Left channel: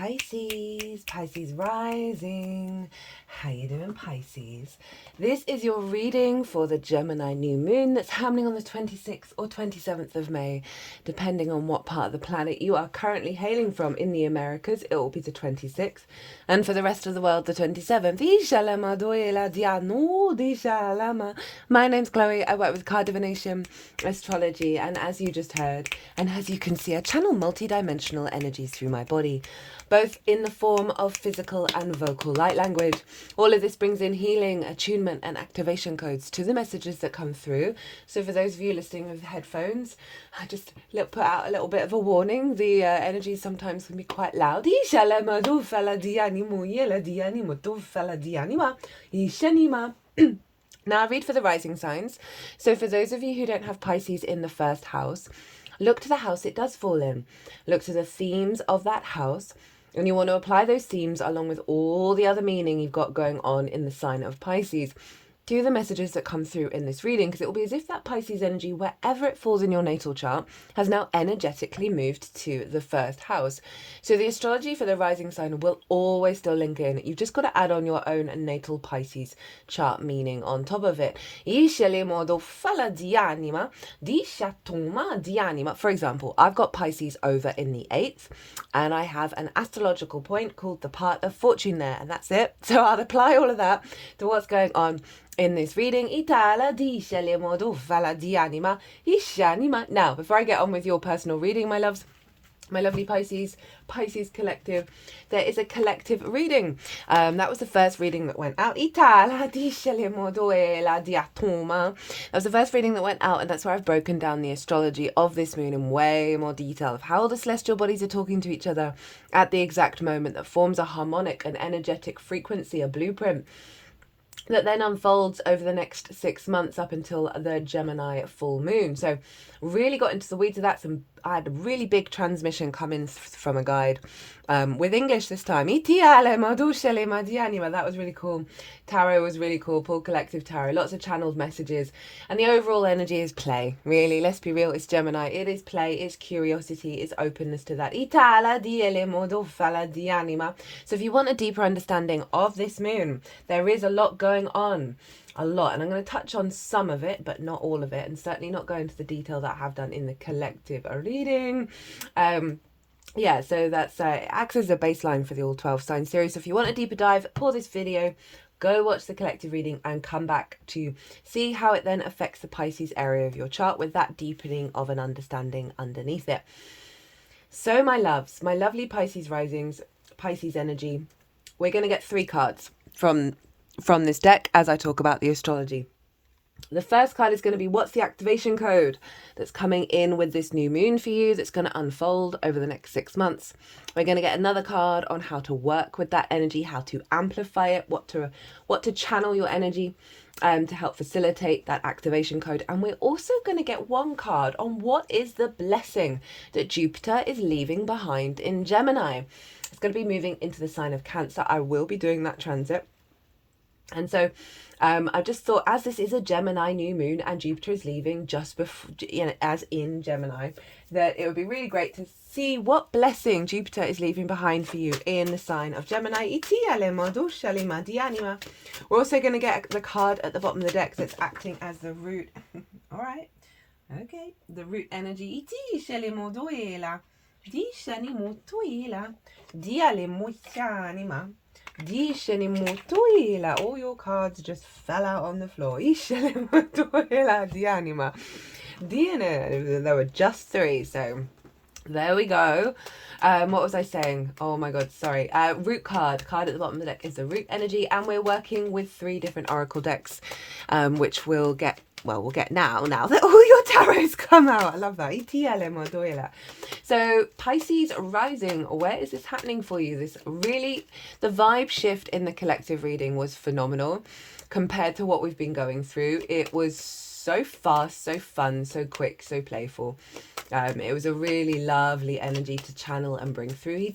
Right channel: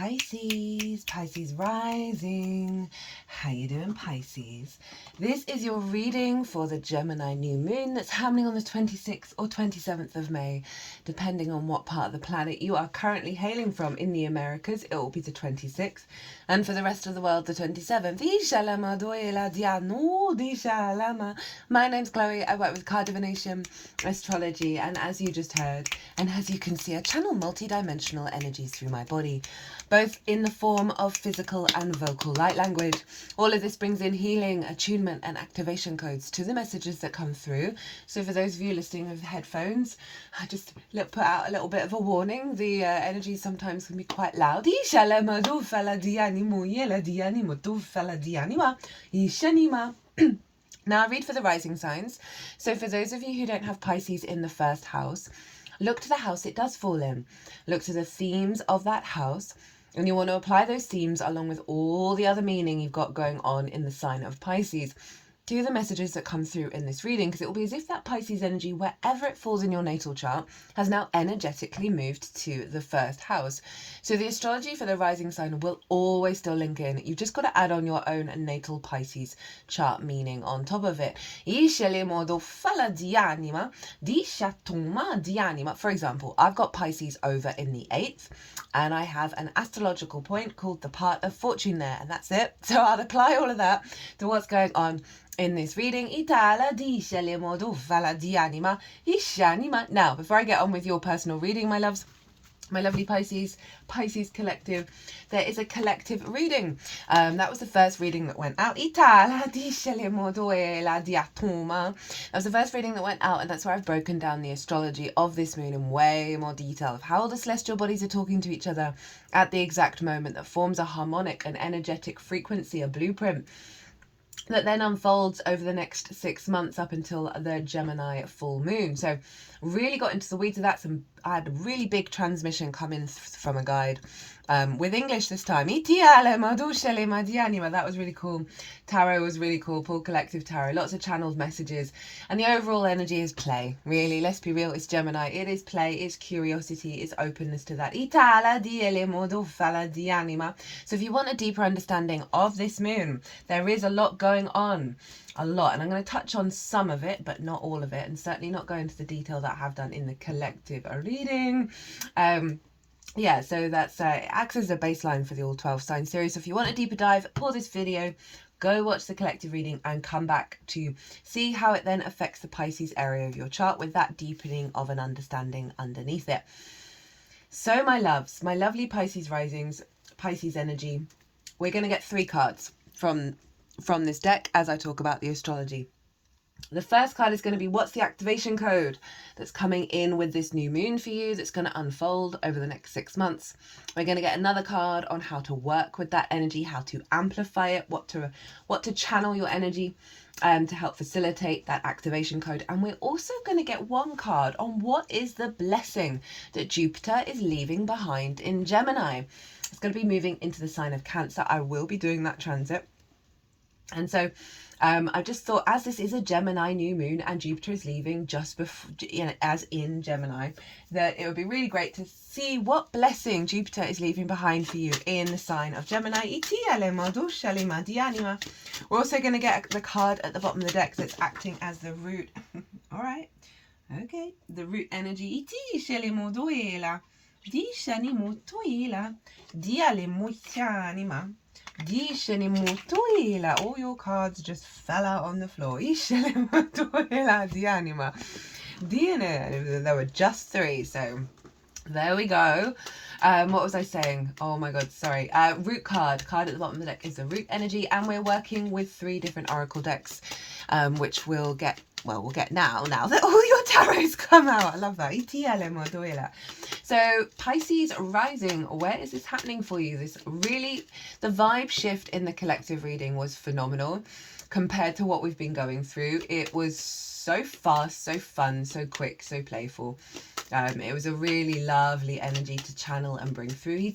Pisces, Pisces rising. How you doing, Pisces? This is your reading for the Gemini new moon that's happening on the 26th or 27th of May, depending on what part of the planet you are currently hailing from. In the Americas, it will be the 26th, and for the rest of the world, the 27th. My name's Chloe. I work with card divination, astrology, and as you just heard, and as you can see, I channel multi-dimensional energies through my body, both in the form of physical and vocal light language. All of this brings in healing, attunement, and activation codes to the messages that come through. So for those of you listening with headphones, I just put out a little bit of a warning. The energy sometimes can be quite loud. Now I read for the rising signs. So for those of you who don't have Pisces in the first house, look to the house it does fall in. Look to the themes of that house, and you want to apply those themes along with all the other meaning you've got going on in the sign of Pisces to the messages that come through in this reading, because it will be as if that Pisces energy, wherever it falls in your natal chart, has now energetically moved to the first house. So the astrology for the rising sign will always still link in. You've just got to add on your own natal Pisces chart meaning on top of it. For example, I've got Pisces over in the 8th, and I have an astrological point called the part of fortune there, and that's it. So I'll apply all of that to what's going on in this reading. Now, before I get on with your personal reading, my loves, my lovely Pisces collective, there is a collective reading. That was the first reading that went out. That was the first reading that went out, and that's where I've broken down the astrology of this moon in way more detail, of how the celestial bodies are talking to each other at the exact moment, that forms a harmonic and energetic frequency, a blueprint that then unfolds over the next 6 months up until the Gemini full moon. So really got into the weeds of that. I had a really big transmission come in from a guide with English this time. That was really cool. Tarot was really cool. Pulled collective tarot. Lots of channeled messages. And the overall energy is play. Really, let's be real. It's Gemini. It is play. It's curiosity. It's openness to that. So if you want a deeper understanding of this moon, there is a lot going on. A lot, and I'm going to touch on some of it but not all of it, and certainly not go into the detail that I have done in the collective reading. Yeah, so that's acts as a baseline for the all 12 sign series. So if you want a deeper dive, pause this video, go watch the collective reading, and come back to see how it then affects the Pisces area of your chart with that deepening of an understanding underneath it. So my loves, my lovely Pisces risings, Pisces energy, we're going to get 3 cards from this deck as I talk about the astrology. The first card is going to be, what's the activation code that's coming in with this new moon for you, that's going to unfold over the next 6 months. We're going to get another card on how to work with that energy, how to amplify it, what to channel your energy to help facilitate that activation code. And we're also going to get 1 card on what is the blessing that Jupiter is leaving behind in Gemini. It's going to be moving into the sign of Cancer. I will be doing that transit. And so I just thought, as this is a Gemini new moon and Jupiter is leaving just before, as in Gemini, that it would be really great to see what blessing Jupiter is leaving behind for you in the sign of Gemini. We're also going to get the card at the bottom of the deck that's acting as the root. All right. Okay. The root energy. All your cards just fell out on the floor. There were just 3, so there we go. What was I saying? Oh my god, sorry. Root card at the bottom of the deck is the root energy, and we're working with 3 different oracle decks, which we'll get now that all your tarots come out. I love that. So Pisces rising, where is this happening for you? This really, the vibe shift in the collective reading was phenomenal compared to what we've been going through. It was so fast, so fun, so quick, so playful. It was a really lovely energy to channel and bring through. And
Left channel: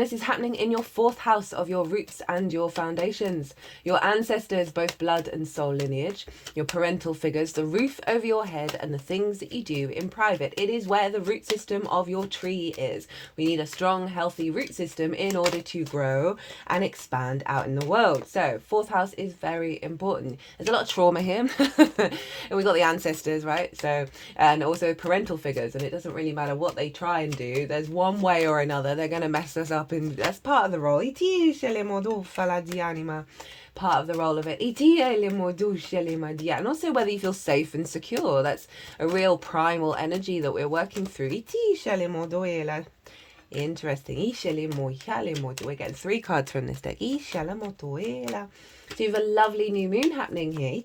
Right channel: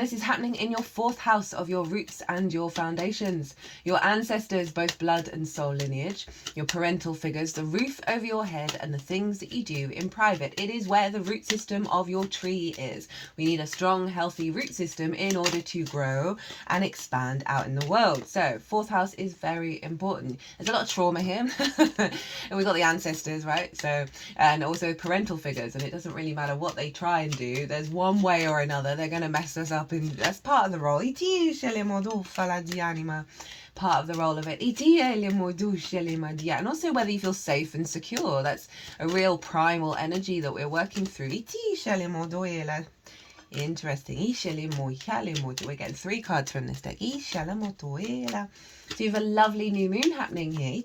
this is happening in your 4th house of your roots and your foundations. Your ancestors, both blood and soul lineage, your parental figures, the roof over your head, and the things that you do in private. It is where the root system of your tree is. We need a strong, healthy root system in order to grow and expand out in the world. So 4th house is very important. There's a lot of trauma here. And we've got the ancestors, right? So, and also parental figures, and it doesn't really matter what they try and do. There's one way or another they're going to mess us up, and that's part of the role. Part of the role of it. And also whether you feel safe and secure. That's a real primal energy that we're working through. Interesting. We're getting 3 cards from this deck. So you have a lovely new moon happening here.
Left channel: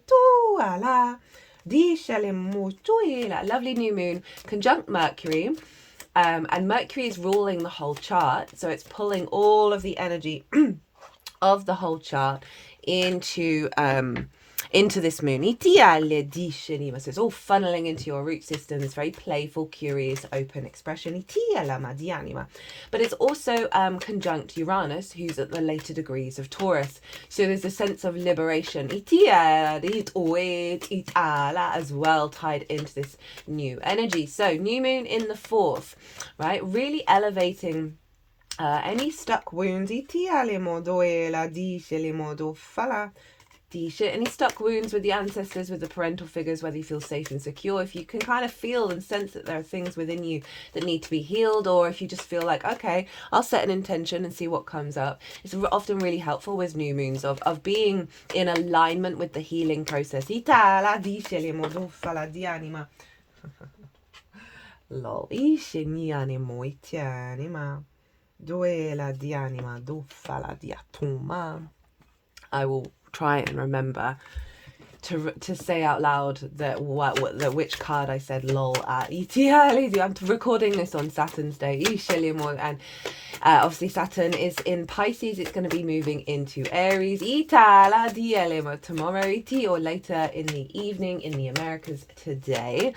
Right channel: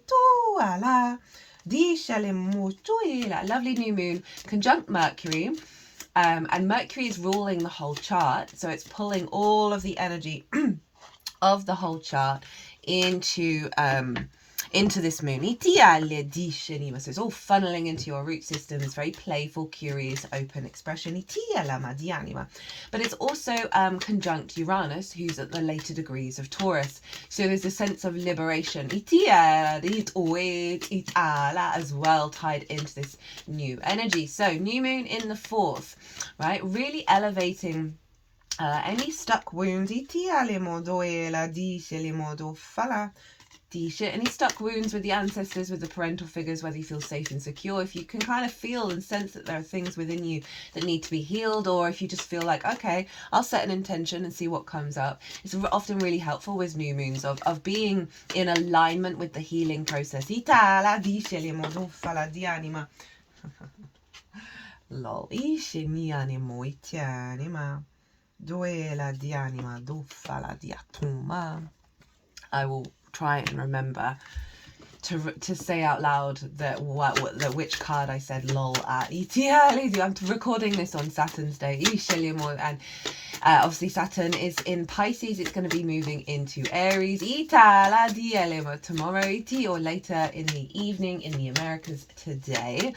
Lovely new moon conjunct Mercury. And Mercury is ruling the whole chart. So it's pulling all of the energy of the whole chart into this moon. So it's all funneling into your root system. It's very playful, curious, open expression. But it's also conjunct Uranus, who's at the later degrees of Taurus. So there's a sense of liberation as well tied into this new energy. So new moon in the 4th, right? Really elevating any stuck wounds. Any stuck wounds with the ancestors, with the parental figures, whether you feel safe and secure, if you can kind of feel and sense that there are things within you that need to be healed, or if you just feel like, okay, I'll set an intention and see what comes up. It's often really helpful with new moons of being in alignment with the healing process. Lol. I will try and remember to say out loud which card I said lol at. I'm recording this on Saturn's day. And obviously Saturn is in Pisces. It's going to be moving into Aries tomorrow or later in the evening in the Americas today.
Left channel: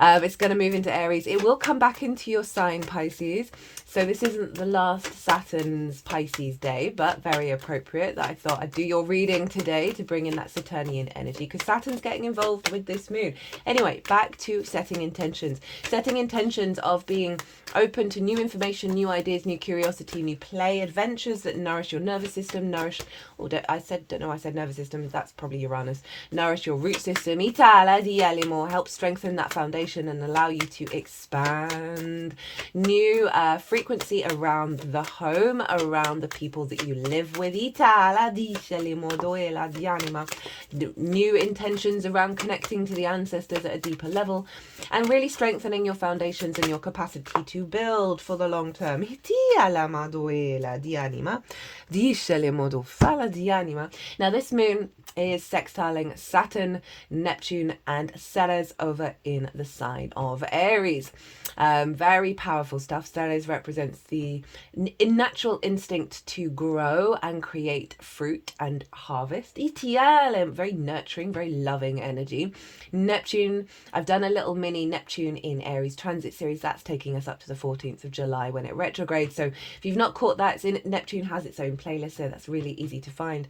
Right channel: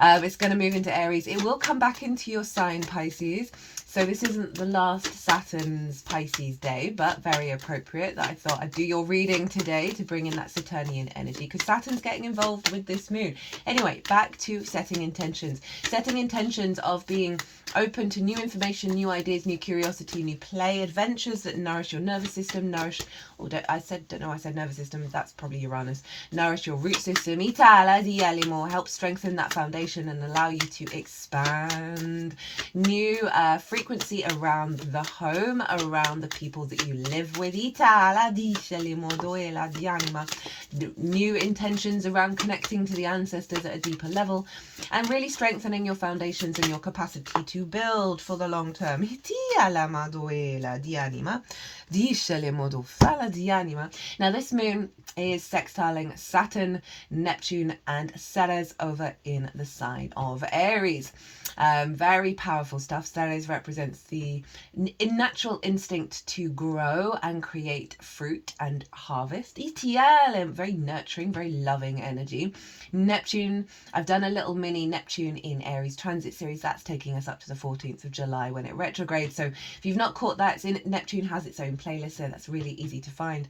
It's going to move into Aries. It will come back into your sign, Pisces. So this isn't the last Saturn's Pisces day, but very appropriate that I thought I'd do your reading today to bring in that Saturnian energy, because Saturn's getting involved with this moon. Anyway, back to setting intentions. Setting intentions of being open to new information, new ideas, new curiosity, new play, adventures that nourish your nervous system, I said nervous system, that's probably Uranus. Nourish your root system, help strengthen that foundation and allow you to expand. New frequency around the home, around the people that you live with. New intentions around connecting to the ancestors at a deeper level, and really strengthening your foundations and your capacity to build for the long term. Now this moon is sextiling Saturn, Neptune and Ceres over in the sign of Aries. Very powerful stuff. Ceres represents the natural instinct to grow and create fruit and harvest. Very nurturing, very loving energy. Neptune, I've done a little mini Neptune in Aries transit series. That's taking us up to the 14th of July when it retrogrades. So if you've not caught that, Neptune has its own playlist, so that's really easy to find.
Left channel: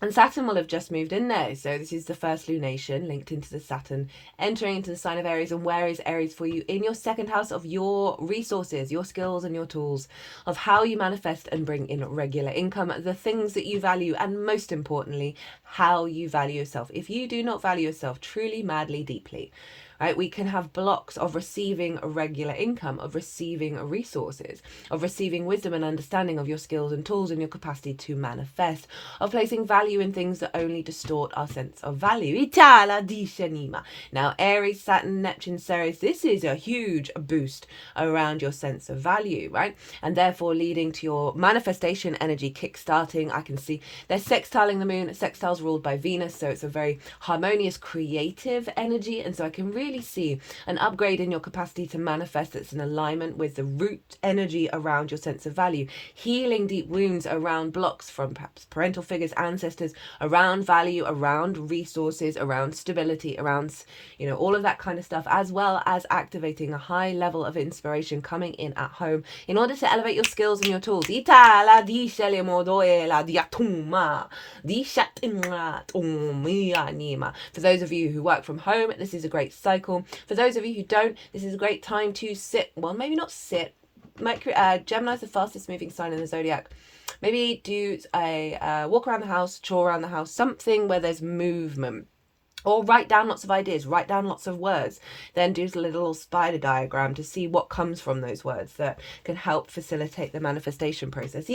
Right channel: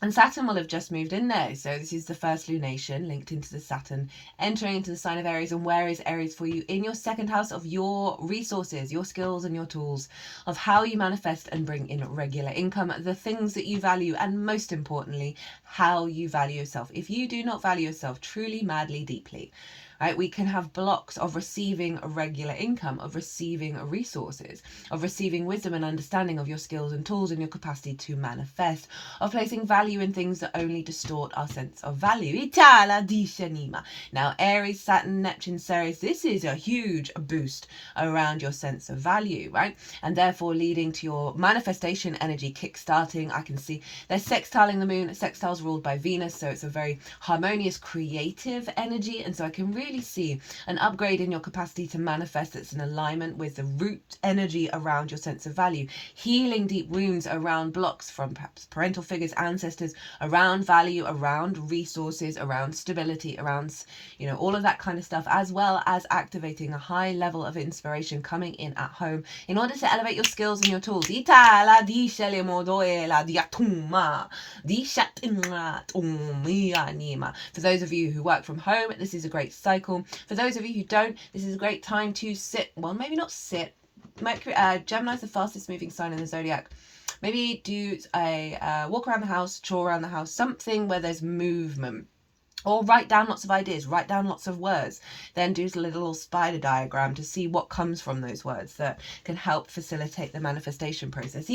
And Saturn will have just moved in there. So this is the first lunation linked into the Saturn, entering into the sign of Aries. And where is Aries for you? In your 2nd house of your resources, your skills and your tools, of how you manifest and bring in regular income, the things that you value, and most importantly, how you value yourself. If you do not value yourself truly, madly, deeply, right, we can have blocks of receiving a regular income, of receiving resources, of receiving wisdom and understanding of your skills and tools and your capacity to manifest, of placing value in things that only distort our sense of value. Now, Aries, Saturn, Neptune, Ceres, this is a huge boost around your sense of value, right? And therefore leading to your manifestation energy kickstarting. I can see they're sextiling the moon. Sextile's ruled by Venus, so it's a very harmonious, creative energy. And so I can really really see an upgrade in your capacity to manifest that's in alignment with the root energy around your sense of value, healing deep wounds around blocks from perhaps parental figures, ancestors, around value, around resources, around stability, around, you know, all of that kind of stuff, as well as activating a high level of inspiration coming in at home in order to elevate your skills and your tools. For those of you who work from home, this is a great cycle. For those of you who don't, this is a great time to sit, well, maybe not sit. Gemini is the fastest moving sign in the zodiac. Maybe do a walk around the house, chore around the house, something where there's movement. Or write down lots of ideas, write down lots of words, then do a little spider diagram to see what comes from those words that can help facilitate the manifestation process. So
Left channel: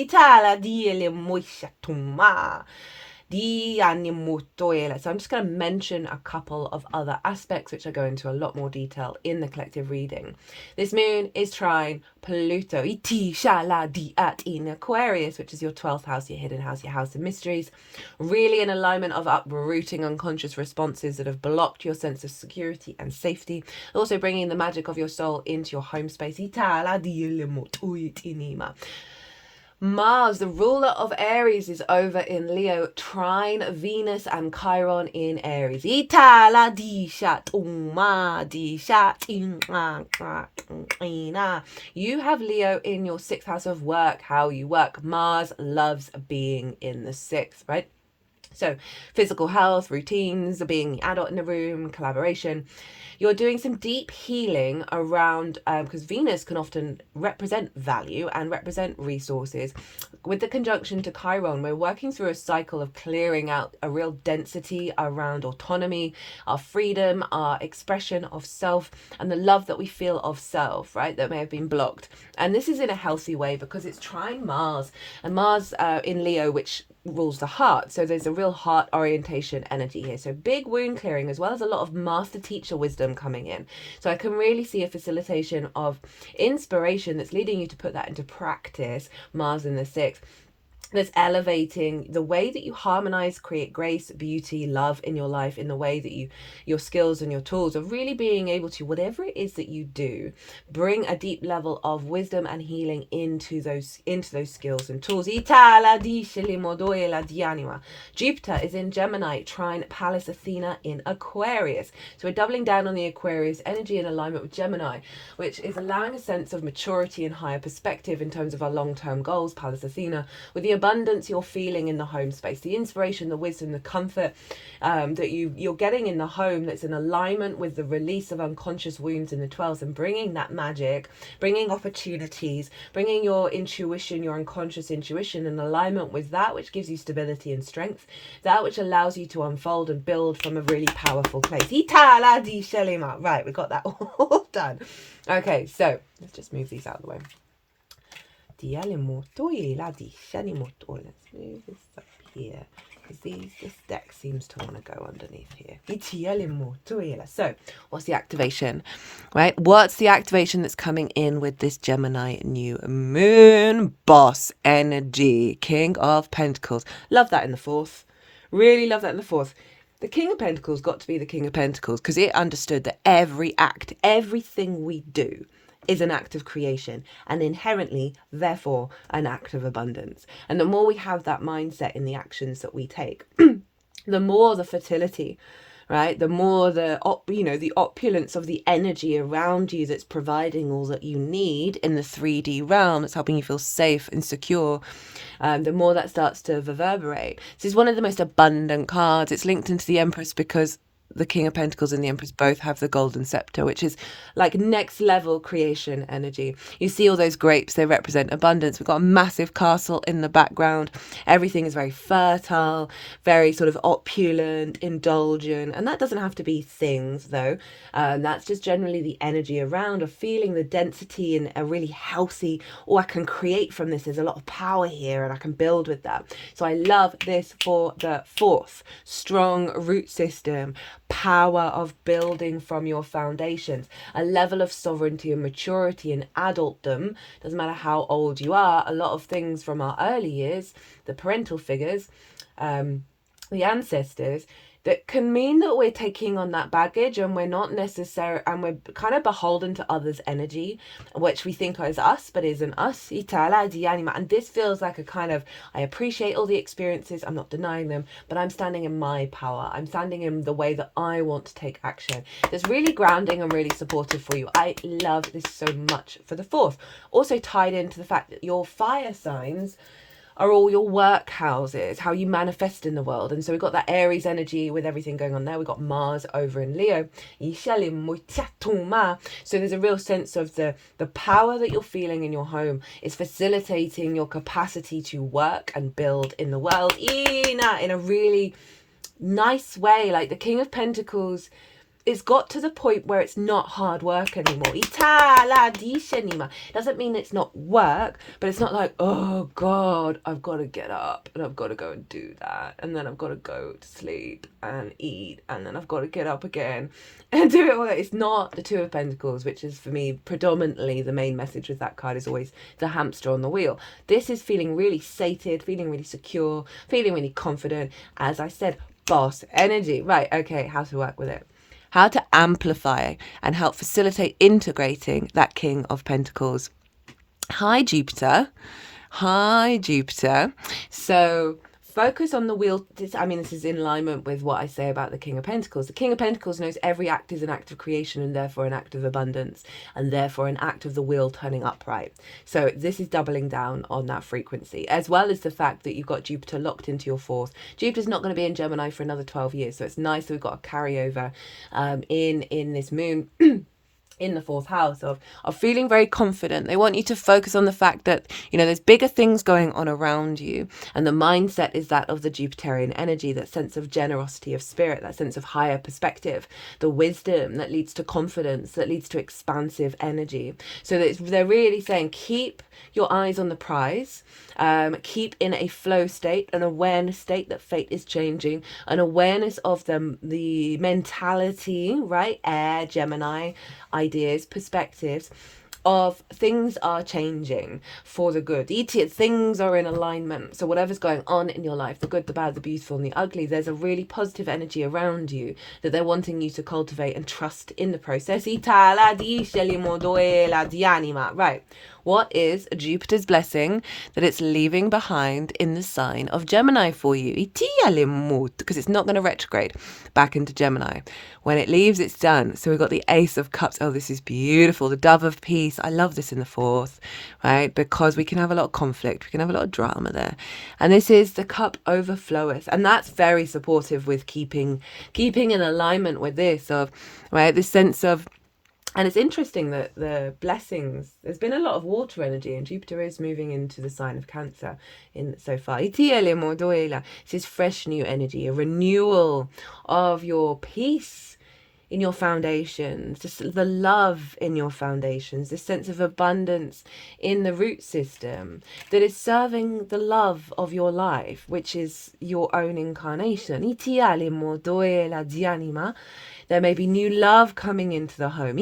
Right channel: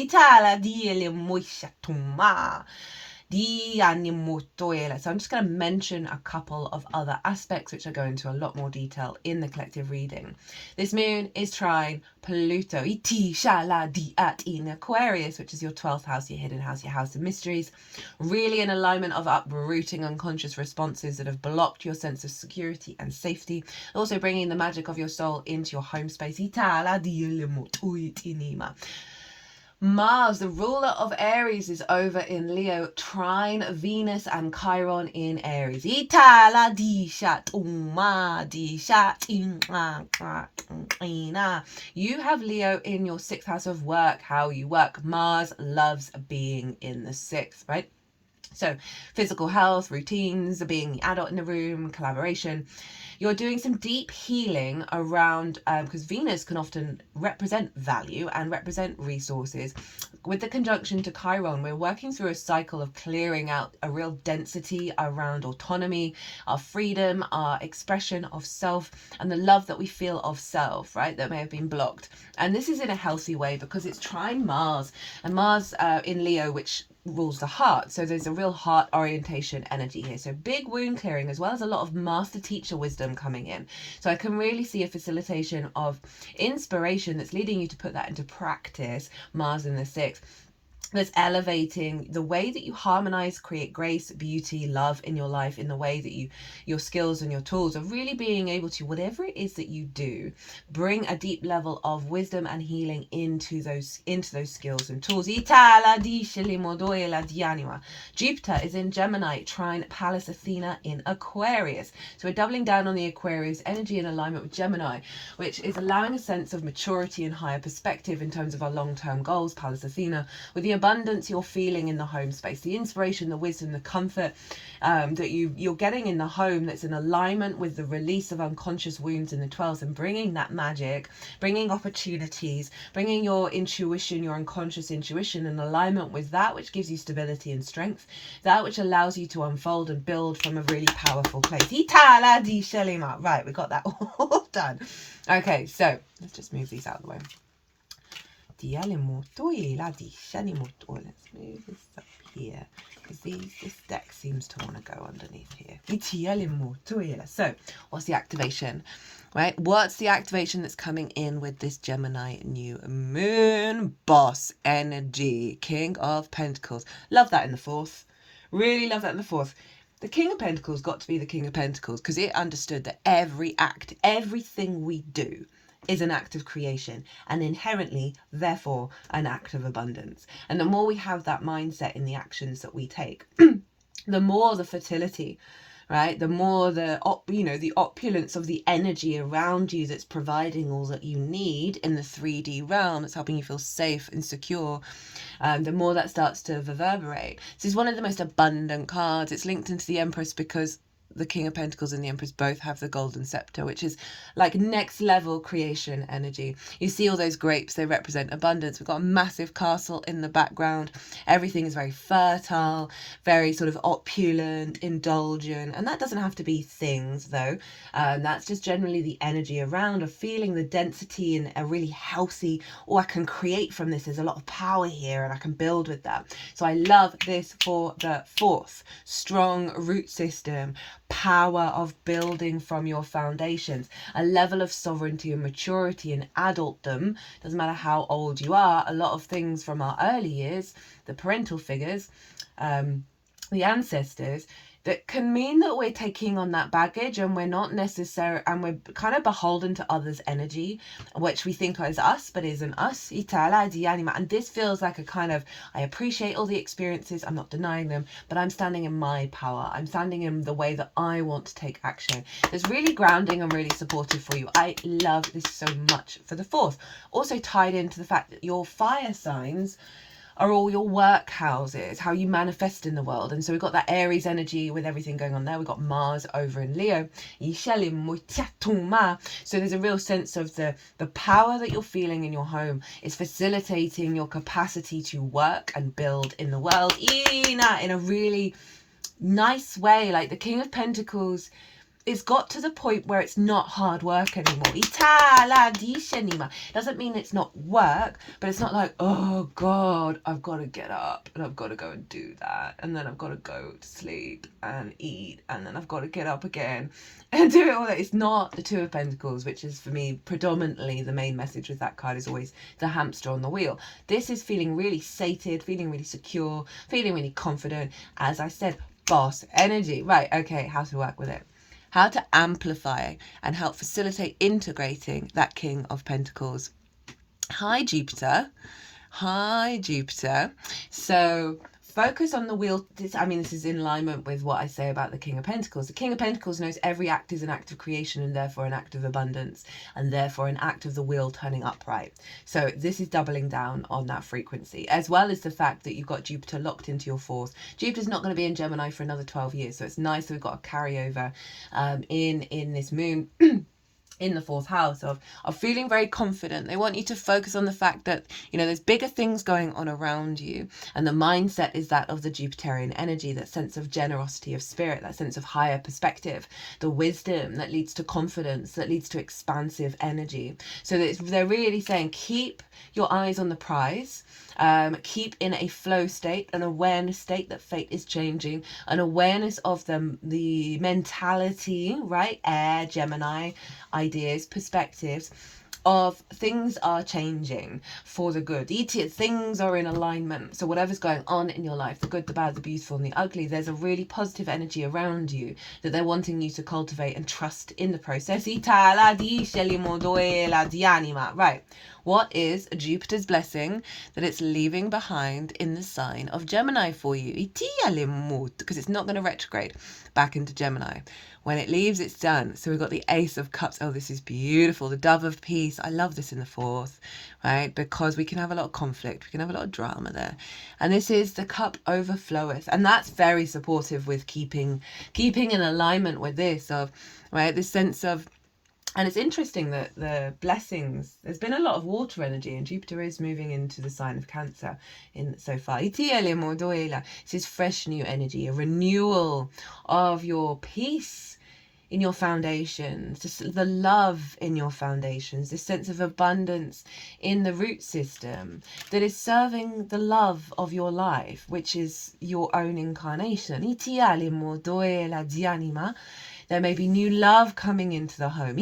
I'm just going to mention a couple of other aspects which I go into a lot more detail in the collective reading. This moon is trine Pluto in Aquarius, which is your 12th house, your hidden house, your house of mysteries. Really an alignment of uprooting unconscious responses that have blocked your sense of security and safety. Also bringing the magic of your soul into your home space. Mars, the ruler of Aries, is over in Leo, trine Venus and Chiron in Aries. You have Leo in your 6th house of work, how you work. Mars loves being in the 6th, right? So physical health, routines, being the adult in the room, collaboration. You're doing some deep healing around, because Venus can often represent value and represent resources. With the conjunction to Chiron, we're working through a cycle of clearing out a real density around autonomy, our freedom, our expression of self, and the love that we feel of self, right, that may have been blocked. And this is in a healthy way because it's trine Mars, and Mars in Leo, which rules the heart. So there's a real heart orientation energy here. So big wound clearing, as well as a lot of master teacher wisdom coming in. So I can really see a facilitation of inspiration that's leading you to put that into practice. Mars in the 6th. That's elevating the way that you harmonize, create grace, beauty, love in your life, in the way that your skills and your tools are really being able to, whatever it is that you do, bring a deep level of wisdom and healing into those skills and tools. Jupiter is in Gemini, trine Pallas Athena in Aquarius. So we're doubling down on the Aquarius energy in alignment with Gemini, which is allowing a sense of maturity and higher perspective in terms of our long-term goals. Pallas Athena, with the abundance you're feeling in the home space, the inspiration, the wisdom, the comfort that you're getting in the home, that's in alignment with the release of unconscious wounds in the 12th, and bringing that magic, bringing opportunities, bringing your intuition, your unconscious intuition in alignment with that which gives you stability and strength, that which allows you to unfold and build from a really powerful place. Right, we got that all done. Okay, so let's just move these out of the way. Let's move this up here, because this deck seems to want to go underneath here. So what's the activation, right? What's the activation that's coming in with this Gemini new moon? Boss energy, King of Pentacles. Love that in the 4th. Really love that in the 4th. The King of Pentacles got to be the King of Pentacles because it understood that every act, everything we do, is an act of creation, and inherently, therefore, an act of abundance. And the more we have that mindset in the actions that we take, the more the fertility, right? The more the opulence of the energy around you that's providing all that you need in the 3D realm, that's helping you feel safe and secure, the more that starts to reverberate. This is one of the most abundant cards. It's linked into the Empress because the King of Pentacles and the Empress both have the golden scepter, which is like next level creation energy. You see all those grapes, they represent abundance. We've got a massive castle in the background. Everything is very fertile, very sort of opulent, indulgent. And that doesn't have to be things though. That's just generally the energy around of feeling the density and a really healthy, I can create from this. There's a lot of power here and I can build with that. So I love this for the 4th. Strong root system, power of building from your foundations, a level of sovereignty and maturity and adultdom. Doesn't matter how old you are, a lot of things from our early years, the parental figures, the ancestors, that can mean that we're taking on that baggage and we're not necessary, and we're kind of beholden to others' energy, which we think is us but isn't us. And this feels like a kind of, I appreciate all the experiences, I'm not denying them, but I'm standing in my power, I'm standing in the way that I want to take action. It's really grounding and really supportive for you. I love this so much for the 4th. Also tied into the fact that your fire signs are all your work houses, how you manifest in the world. And so we've got that Aries energy with everything going on there. We've got Mars over in Leo. So there's a real sense of the power that you're feeling in your home is facilitating your capacity to work and build in the world in a really nice way. Like the King of Pentacles, it's got to the point where it's not hard work anymore. Doesn't mean it's not work, but it's not like, oh God, I've got to get up and I've got to go and do that, and then I've got to go to sleep and eat, and then I've got to get up again and do it all. It's not the 2 of Pentacles, which is for me predominantly the main message with that card, is always the hamster on the wheel. This is feeling really sated, feeling really secure, feeling really confident. As I said, boss energy. Right, okay, how to work with it. How to amplify and help facilitate integrating that King of Pentacles. Hi, Jupiter. Hi, Jupiter. So focus on the wheel. This is in alignment with what I say about the King of Pentacles. The King of Pentacles knows every act is an act of creation and therefore an act of abundance, and therefore an act of the wheel turning upright. So this is doubling down on that frequency, as well as the fact that you've got Jupiter locked into your 4th. Jupiter's not going to be in Gemini for another 12 years. So it's nice that we've got a carryover in this moon in the 4th house of feeling very confident. They want you to focus on the fact that, there's bigger things going on around you. And the mindset is that of the Jupiterian energy, that sense of generosity of spirit, that sense of higher perspective, the wisdom that leads to confidence, that leads to expansive energy. So that they're really saying, keep your eyes on the prize. Keep in a flow state, an awareness state that fate is changing, an awareness of the mentality, right? Air, Gemini, ideas, perspectives of things are changing for the good. Things are in alignment. So whatever's going on in your life, the good, the bad, the beautiful and the ugly, there's a really positive energy around you that they're wanting you to cultivate and trust in the process. Right. What is Jupiter's blessing that it's leaving behind in the sign of Gemini for you? Because it's not going to retrograde back into Gemini. When it leaves, it's done. So we've got the Ace of Cups. Oh, this is beautiful. The Dove of Peace. I love this in the 4th, right? Because we can have a lot of conflict. We can have a lot of drama there. And this is the Cup overfloweth. And that's very supportive with keeping in alignment with this of, right, this sense of. And it's interesting that the blessings, there's been a lot of water energy, and Jupiter is moving into the sign of Cancer in so far. This is fresh new energy, a renewal of your peace in your foundations, just the love in your foundations, this sense of abundance in the root system that is serving the love of your life, which is your own incarnation. There may be new love coming into the home.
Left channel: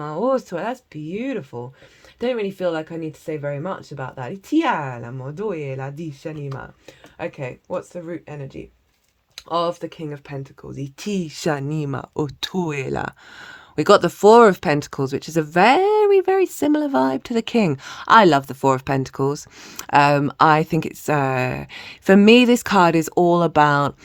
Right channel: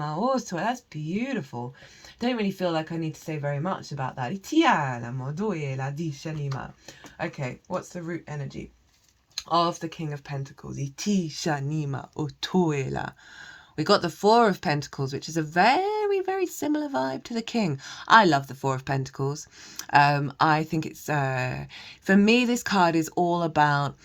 Oh, so that's beautiful. Don't really feel like I need to say very much about that. Okay, what's the root energy of the King of Pentacles? We got the 4 of Pentacles, which is a very, very similar vibe to the King. I love the 4 of Pentacles. I think it's, for me, this card is all about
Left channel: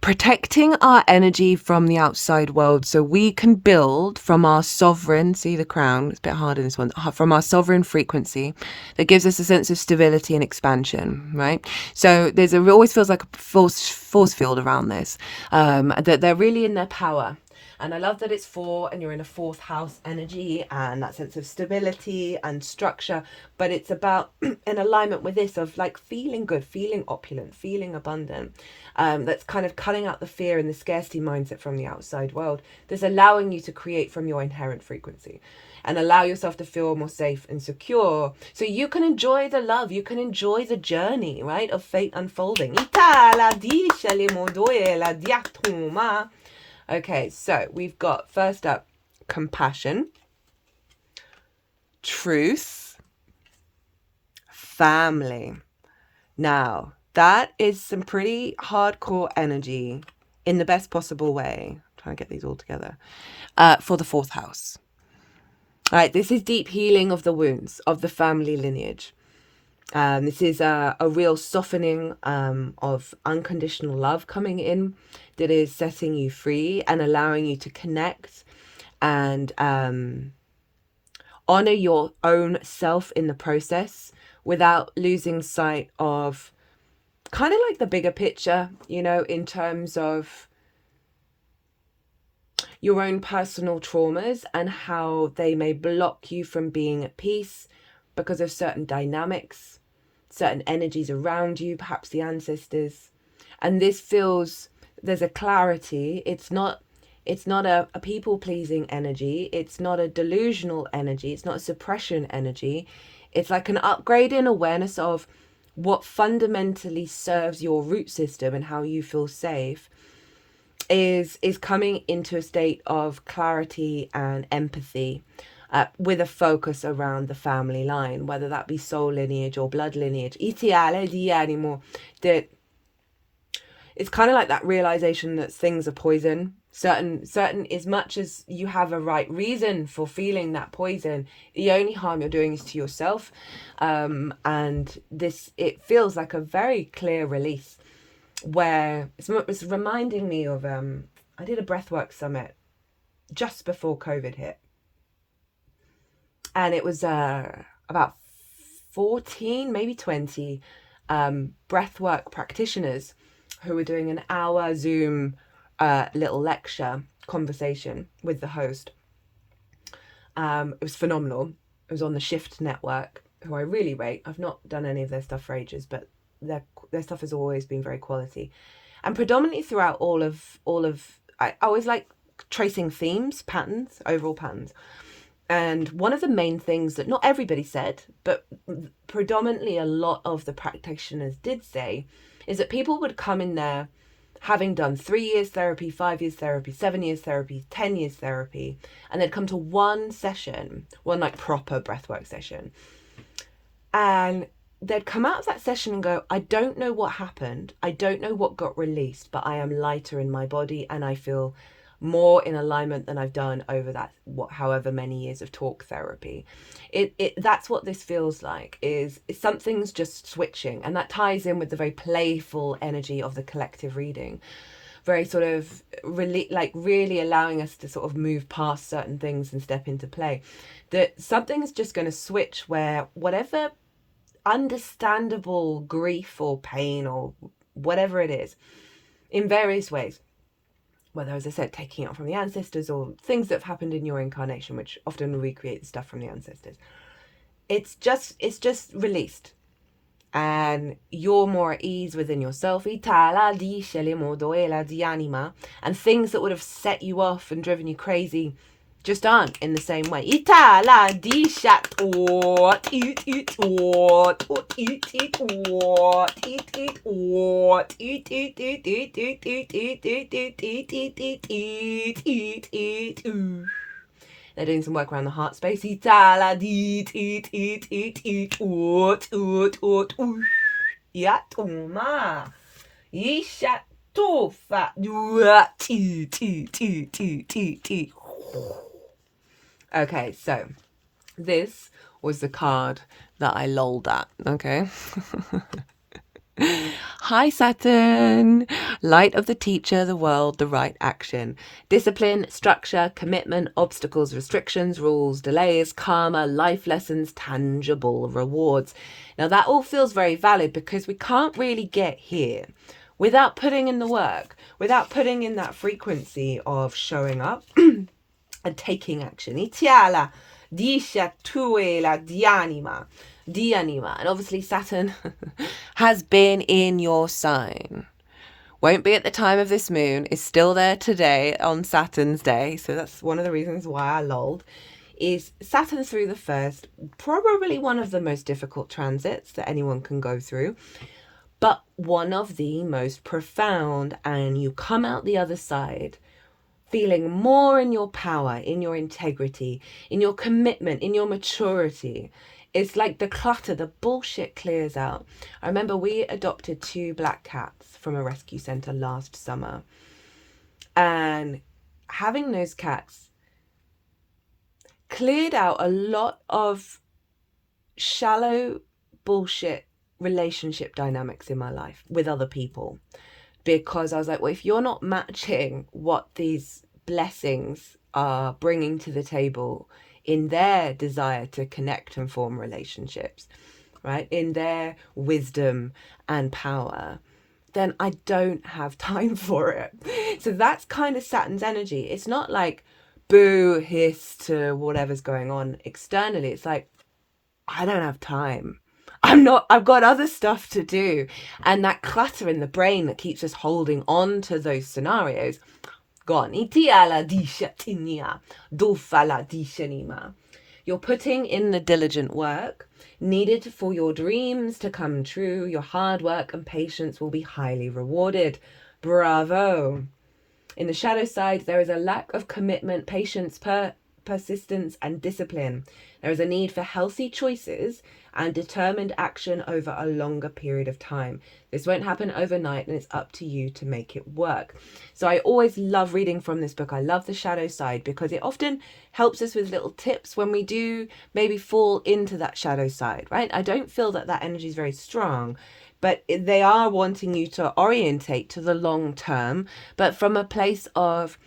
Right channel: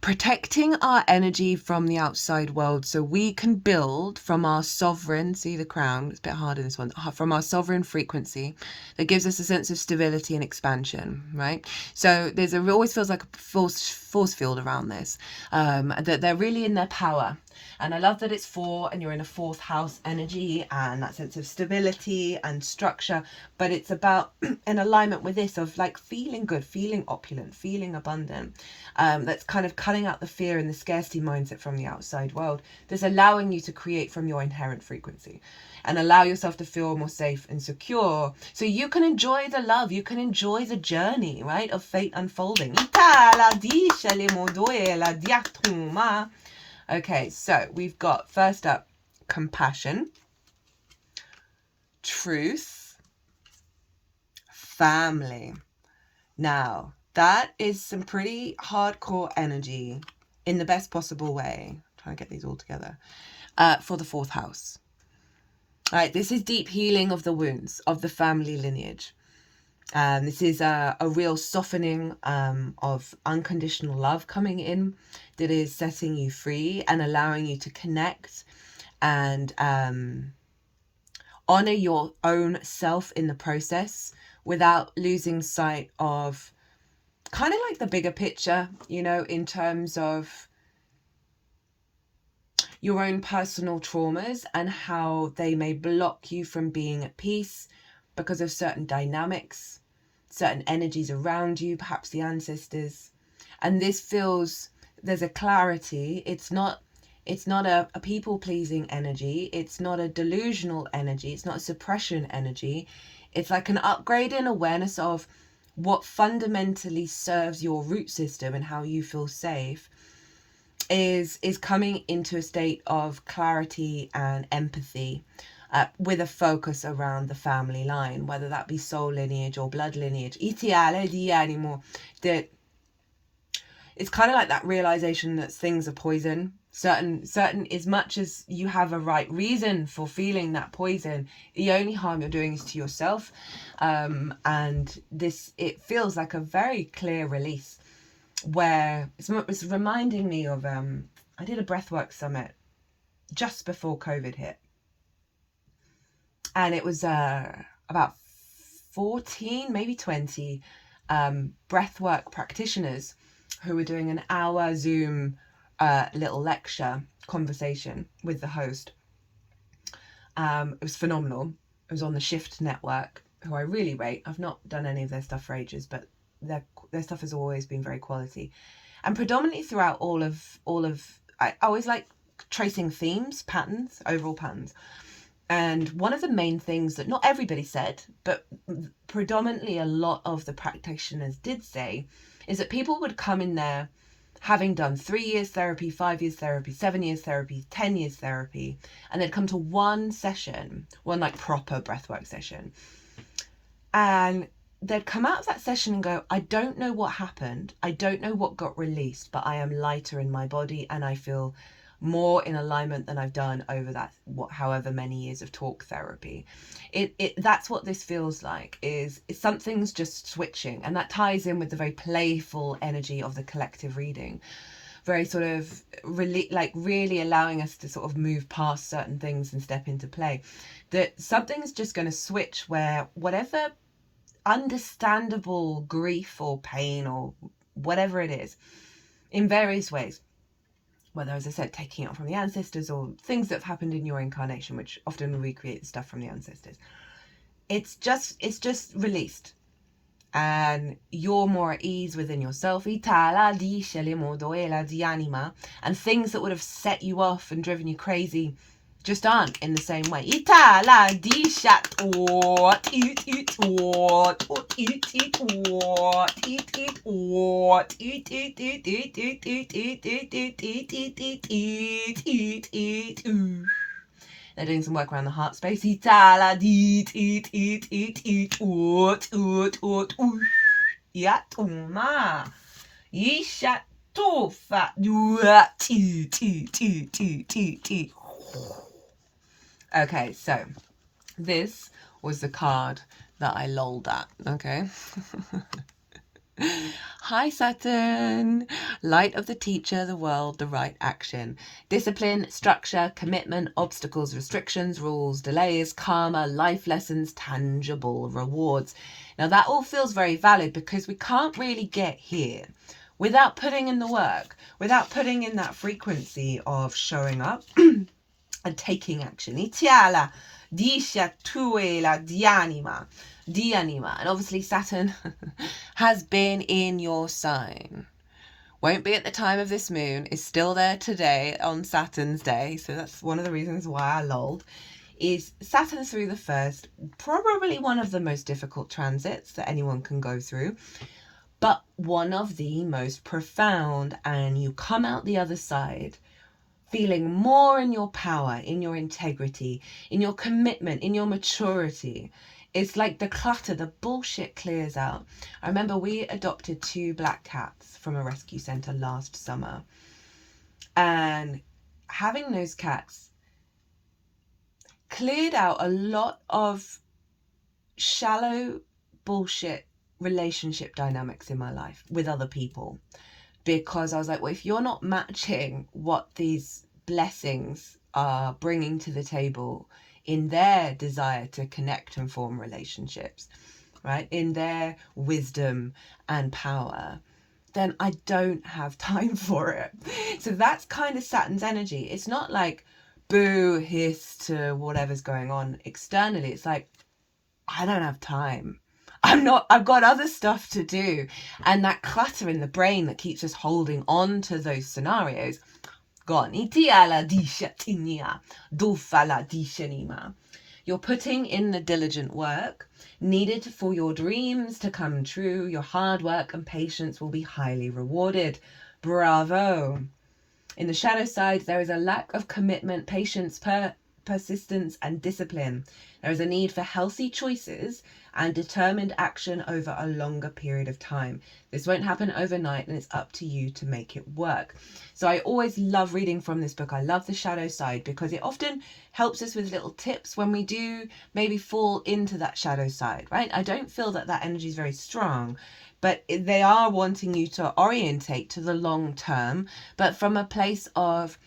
protecting our energy from the outside world so we can build from our sovereign, see the crown, it's a bit hard in this one, from our sovereign frequency that gives us a sense of stability and expansion, right? So it always feels like a force field around this, that they're really in their power. And I love that it's 4 and you're in a 4th house energy and that sense of stability and structure. But it's about an alignment with this of like feeling good, feeling opulent, feeling abundant. That's kind of cutting out the fear and the scarcity mindset from the outside world. That's allowing you to create from your inherent frequency and allow yourself to feel more safe and secure. So you can enjoy the love, you can enjoy the journey, right, of fate unfolding. Okay, so we've got first up compassion, truth, family. Now, That is some pretty hardcore energy in the best possible way. I'm trying to get these all together. For the 4th house. All right, this is deep healing of the wounds of the family lineage. This is a real softening of unconditional love coming in that is setting you free and allowing you to connect and honor your own self in the process without losing sight of kind of like the bigger picture, you know, in terms of your own personal traumas and how they may block you from being at peace because of certain dynamics, certain energies around you, perhaps the ancestors. And this feels, there's a clarity. It's not a people-pleasing energy. It's not a delusional energy. It's not a suppression energy. It's like an upgrade in awareness of what fundamentally serves your root system and how you feel safe is coming into a state of clarity and empathy with a focus around the family line, whether that be soul lineage or blood lineage. That it's kind of like that realization that things are poison. Certain, as much as you have a right reason for feeling that poison, the only harm you're doing is to yourself. And this, it feels like a very clear release where it's reminding me of, I did a breathwork summit just before COVID hit. And it was about 14, maybe 20 breathwork practitioners who were doing an hour Zoom little lecture conversation with the host. It was phenomenal. It was on the Shift Network, who I really rate. I've not done any of their stuff for ages, but their stuff has always been very quality. And predominantly throughout all of I always like tracing themes, patterns, overall patterns. And one of the main things that not everybody said, but predominantly a lot of the practitioners did say, is that people would come in there having done 3 years therapy, 5 years therapy, 7 years therapy, 10 years therapy, and they'd come to one session, one like proper breathwork session. And they'd come out of that session and go, I don't know what happened. I don't know what got released, but I am lighter in my body and I feel more in alignment than I've done over that, however many years of talk therapy. That's what this feels like, is something's just switching. And that ties in with the very playful energy of the collective reading. Very sort of really allowing us to sort of move past certain things and step into play. That something's just going to switch where whatever understandable grief or pain or whatever it is, in various ways, whether, as I said, taking it from the ancestors or things that have happened in your incarnation, which often recreate the stuff from the ancestors, it's just released. And you're more at ease within yourself. And things that would have set you off and driven you crazy just aren't in the same way. They're doing some work around the heart space. Okay, so this was the card that I lolled at, okay? Hi Saturn, light of the teacher, the world, the right action, discipline, structure, commitment, obstacles, restrictions, rules, delays, karma, life lessons, tangible rewards. Now that all feels very valid because we can't really get here without putting in the work, without putting in that frequency of showing up and taking action. Itiala, disha tuela dianima. And obviously Saturn has been in your sign. Won't be at the time of this moon, is still there today on Saturn's day. So that's one of the reasons why I lolled. Is Saturn through the first, probably one of the most difficult transits that anyone can go through, but one of the most profound, and you come out the other side feeling more in your power, in your integrity, in your commitment, in your maturity, it's like the clutter, the bullshit clears out. I remember we adopted 2 black cats from a rescue centre last summer. And having those cats cleared out a lot of shallow bullshit relationship dynamics in my life with other people. Because I was like, well, if you're not matching what these blessings are bringing to the table in their desire to connect and form relationships, right, in their wisdom and power, then I don't have time for it. So that's kind of Saturn's energy. It's not like boo, hiss to whatever's going on externally. It's like, I don't have time. I've got other stuff to do. And that clutter in the brain that keeps us holding on to those scenarios, gone. You're putting in the diligent work needed for your dreams to come true. Your hard work and patience will be highly rewarded. Bravo. In the shadow side, there is a lack of commitment, patience, persistence, and discipline. There is a need for healthy choices and determined action over a longer period of time. This won't happen overnight, and it's up to you to make it work. So I always love reading from this book. I love the shadow side because it often helps us with little tips when we do maybe fall into that shadow side, right? I don't feel that energy is very strong, but they are wanting you to orientate to the long term, but from a place of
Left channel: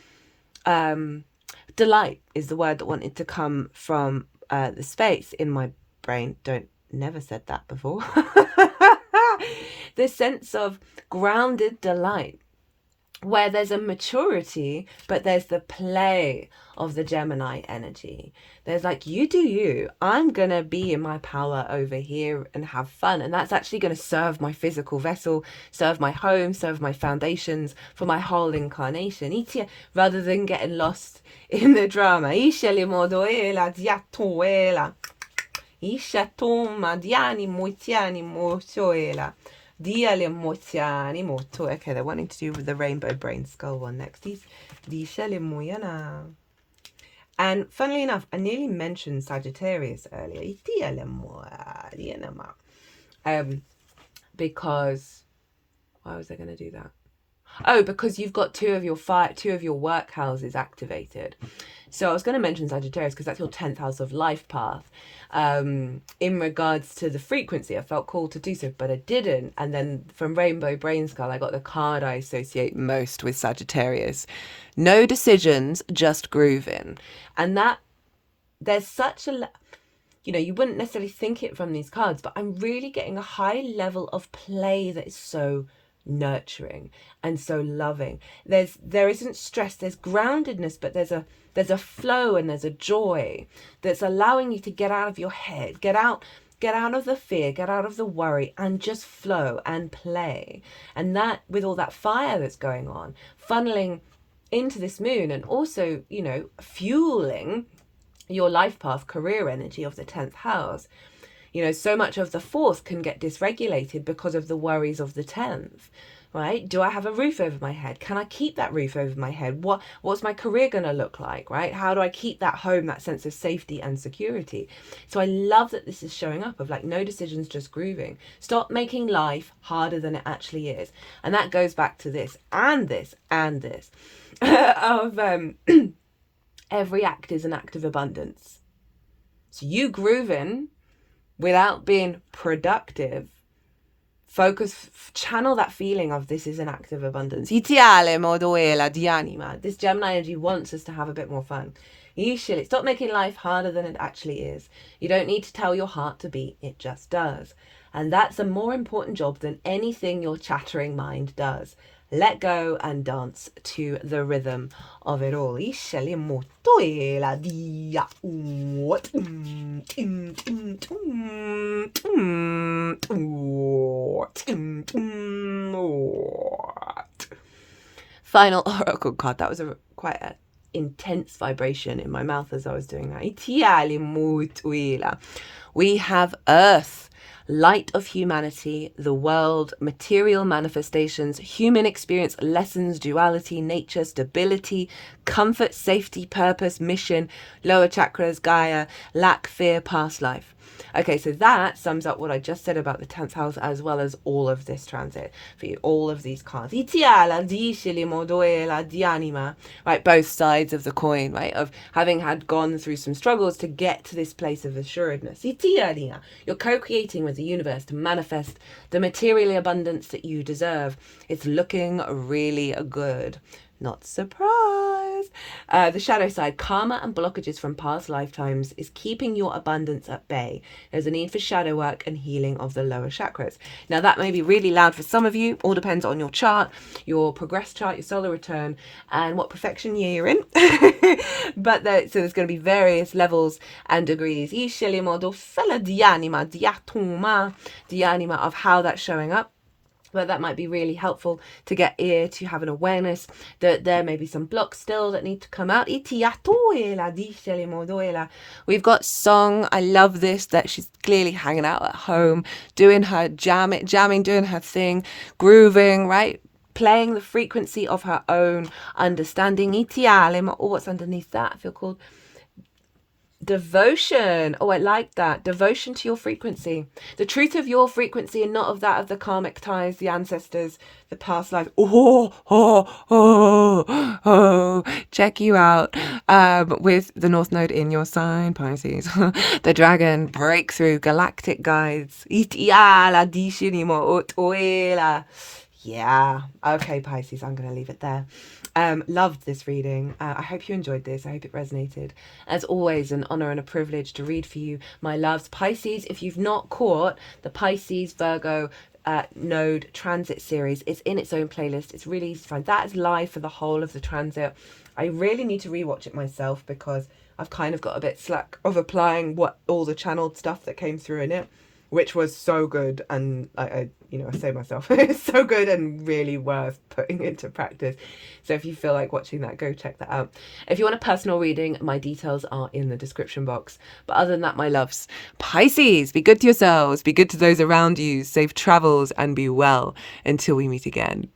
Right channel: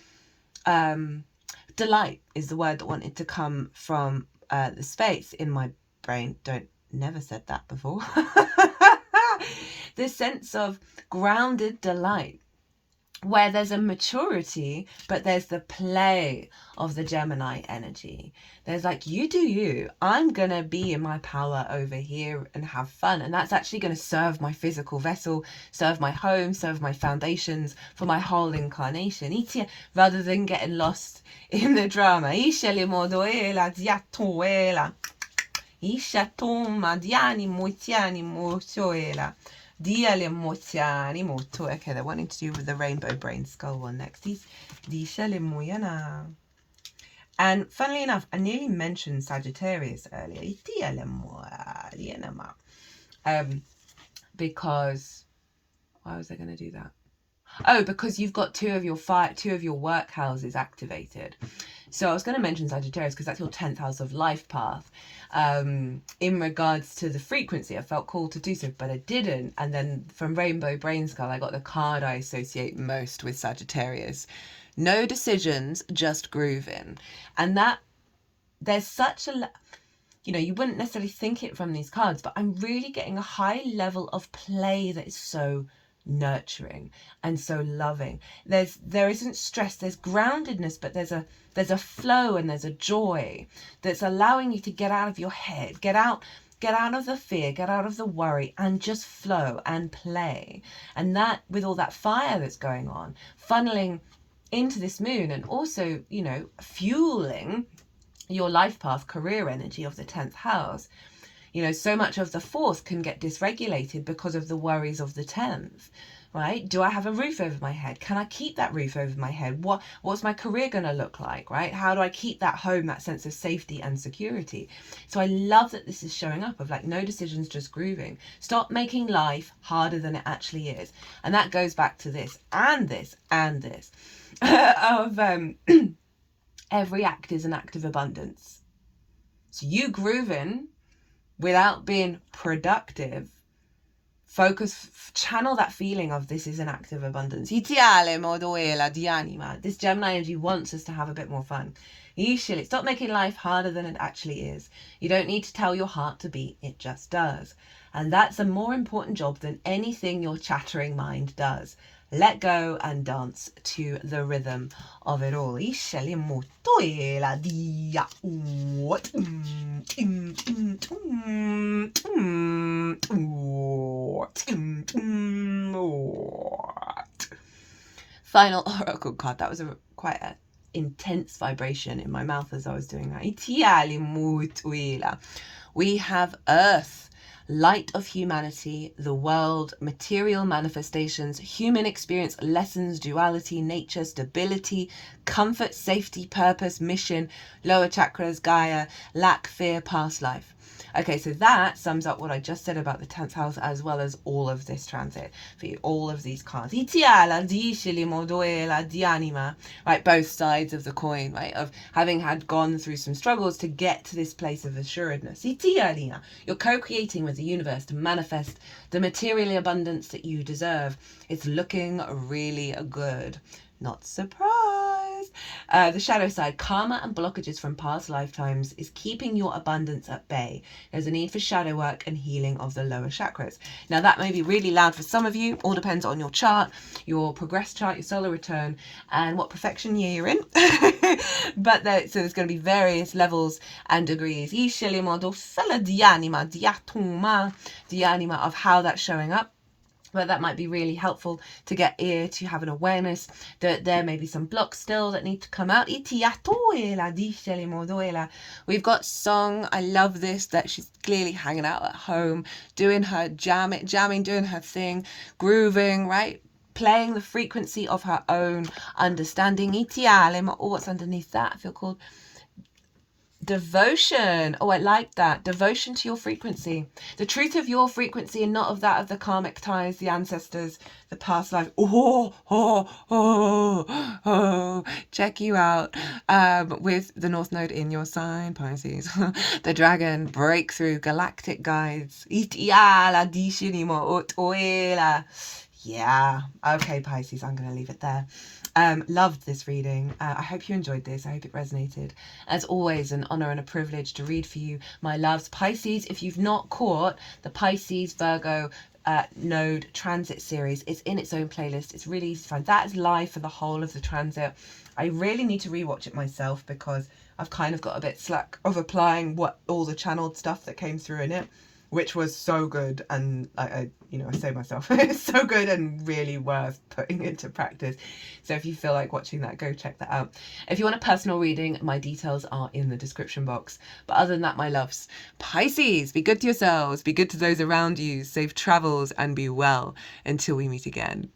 delight is the word that wanted to come from the space in my brain. Never said that before. The sense of grounded delight, where there's a maturity, but there's the play of the Gemini energy. There's like, you do you. I'm going to be in my power over here and have fun. And that's actually going to serve my physical vessel, serve my home, serve my foundations for my whole incarnation. Rather than getting lost in the drama. Okay, they're wanting to do with the rainbow Brainskull one next. And funnily enough, I nearly mentioned Sagittarius earlier. Because why was I going to do that? Oh, because you've got two of your work houses activated. So I was going to mention Sagittarius because that's your 10th house of life path. In regards to the frequency, I felt called to do so, but I didn't. And then from Rainbow Brainskull, I got the card I associate most with Sagittarius. No decisions, just grooving. And that there's such a, you wouldn't necessarily think it from these cards, but I'm really getting a high level of play that is so nurturing and so loving. There isn't stress, there's groundedness, but there's a flow and there's a joy that's allowing you to get out of your head, get out of the fear, get out of the worry, and just flow and play. And that, with all that fire that's going on, funneling into this moon, and also, fueling your life path, career energy of the 10th house. So much of the 4th can get dysregulated because of the worries of the 10th, right? Do I have a roof over my head? Can I keep that roof over my head? What's my career going to look like, right? How do I keep that home, that sense of safety and security? So I love that this is showing up of like, no decisions, just grooving. Stop making life harder than it actually is. And that goes back to this and this and this of every act is an act of abundance. So you grooving without being productive, channel that feeling of this is an act of abundance. This Gemini energy wants us to have a bit more fun. Stop making life harder than it actually is. You don't need to tell your heart to beat, it just does. And that's a more important job than anything your chattering mind does. Let go and dance to the rhythm of it all. Final oracle card. That was quite an intense vibration in my mouth as I was doing that. We have Earth. Light of humanity, the world, material manifestations, human experience, lessons, duality, nature, stability, comfort, safety, purpose, mission, lower chakras, Gaia, lack, fear, past life. Okay, so that sums up what I just said about the 10th house, as well as all of this transit for you, all of these cards. Right, both sides of the coin, right, of having gone through some struggles to get to this place of assuredness. You're co-creating with the universe to manifest the material abundance that you deserve. It's looking really good. Not surprised. The shadow side, karma and blockages from past lifetimes is keeping your abundance at bay. There's a need for shadow work and healing of the lower chakras. Now that may be really loud for some of you. All depends on your chart, your progress chart, your solar return, and what perfection year you're in. But so there's going to be various levels and degrees of how that's showing up. But that might be really helpful to get ear to have an awareness that there may be some blocks still that need to come out. We've got Song. I love this, that she's clearly hanging out at home, doing her jamming, doing her thing, grooving, right? Playing the frequency of her own understanding. Or what's underneath that? I feel called devotion. Oh, I like that. Devotion to your frequency, the truth of your frequency, and not of that of the karmic ties, the ancestors, the past lives. Check you out with the North Node in your sign, Pisces. The dragon breakthrough, galactic guides. Yeah. Okay, Pisces, I'm going to leave it there. Loved this reading. I hope you enjoyed this. I hope it resonated. As always, an honor and a privilege to read for you, my loves. Pisces, if you've not caught the Pisces Virgo node transit series, it's in its own playlist. It's really fun. That is live for the whole of the transit. I really need to rewatch it myself because I've kind of got a bit slack of applying all the channeled stuff that came through in it, which was so good. And I say myself, it's so good and really worth putting into practice. So if you feel like watching that, go check that out. If you want a personal reading, my details are in the description box. But other than that, my loves, Pisces, be good to yourselves, be good to those around you, safe travels, and be well until we meet again.